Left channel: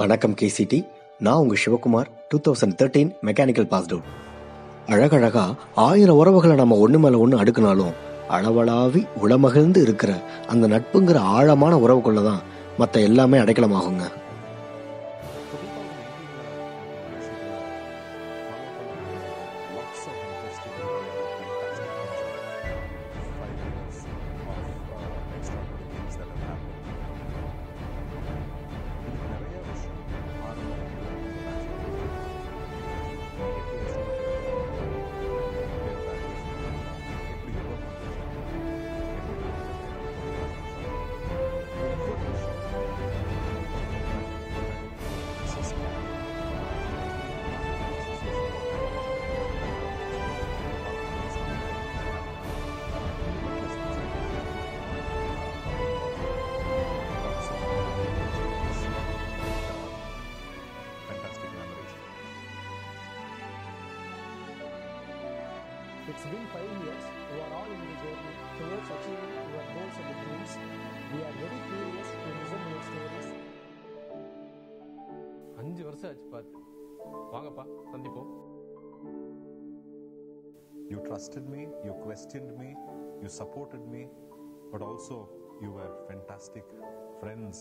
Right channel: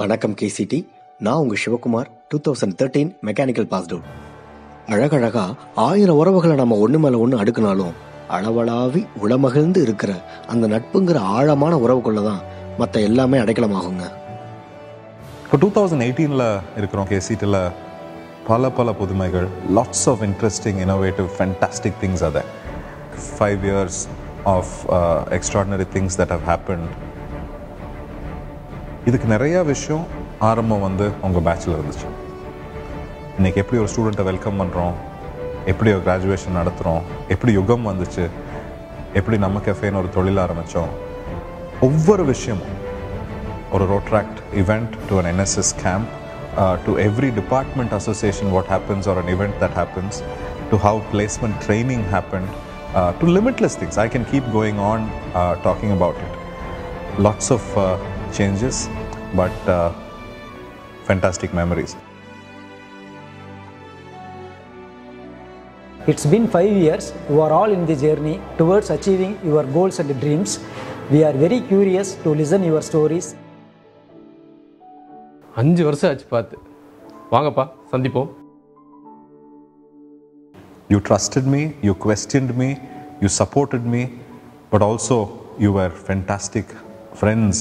வணக்கம் KCT. நான் உங்க சிவகுமார். 2013 mechanical passed out. அழகழகா 1000 உறவுகளை நம்ம ஒன்று மேலே ஒன்று அடுக்கினாலும் அளவளாவி உளமகிழ்ந்து இருக்கிற அந்த நட்புங்கிற ஆழமான உறவுக்குள்ள தான் மற்ற எல்லாமே அடைக்கலமாகுங்க. இப்போ 2018 இருக்கிறோம். KCTல பல புதுமைகள், lots of interesting, innovative, fantastic things are there. 5 years of extraordinary things that have happened. இதுக்கு நிறையா விஷயம் ஆரம்பம் உங்கள் பேட்சில் இருந்துச்சு. இன்றைக்கி எப்படி ஒரு ஸ்டூடெண்ட்டை வெல்கம் பண்ணுறோம், எப்படி ஒரு கிராஜுவேஷன் நடத்துகிறோம், எப்படி யுகம் வந்துச்சு, எப்படி நம்ம கெஃபேன்னு ஒரு தொழில் ஆரம்பித்தோம், ஒவ்வொரு விஷயமும் ஒரு Rotaract event to an NSS camp, to every department association what happens or an event that happens, to how placement training happened, to limitless things. I can keep going on talking about it. Lots of changes, but fantastic memories. It's been 5 years. You are all in the journey towards achieving your goals and dreams. We are very curious to listen your stories. 5 வருஷம் ஆச்சு பார்த்து. வாங்கப்பா சந்திப்போம். You trusted me, you questioned me, you supported me, but also you were fantastic friends.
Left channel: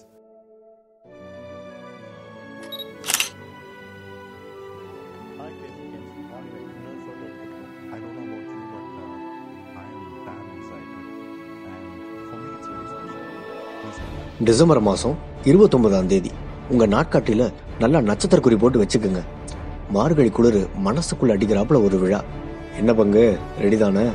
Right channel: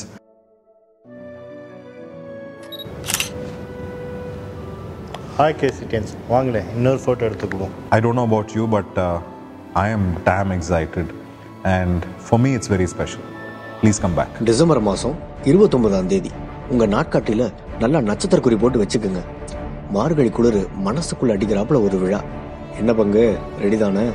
Hi KCTs, வாங்களே இன்னொரு photo எடுத்துக்குவோம். I don't know about you, but I am damn excited, and for me it's very special. Please come back. December மாதம் 29ஆம் தேதி உங்கள் நாட்காட்டியில் நல்லா நட்சத்திர குறி போட்டு வச்சுக்கோங்க. மார்கழி குளிர் மனசுக்குள்ள அடிக்கிறாப்புல ஒரு விழா. என்ன பங்கு ரெடி தானே?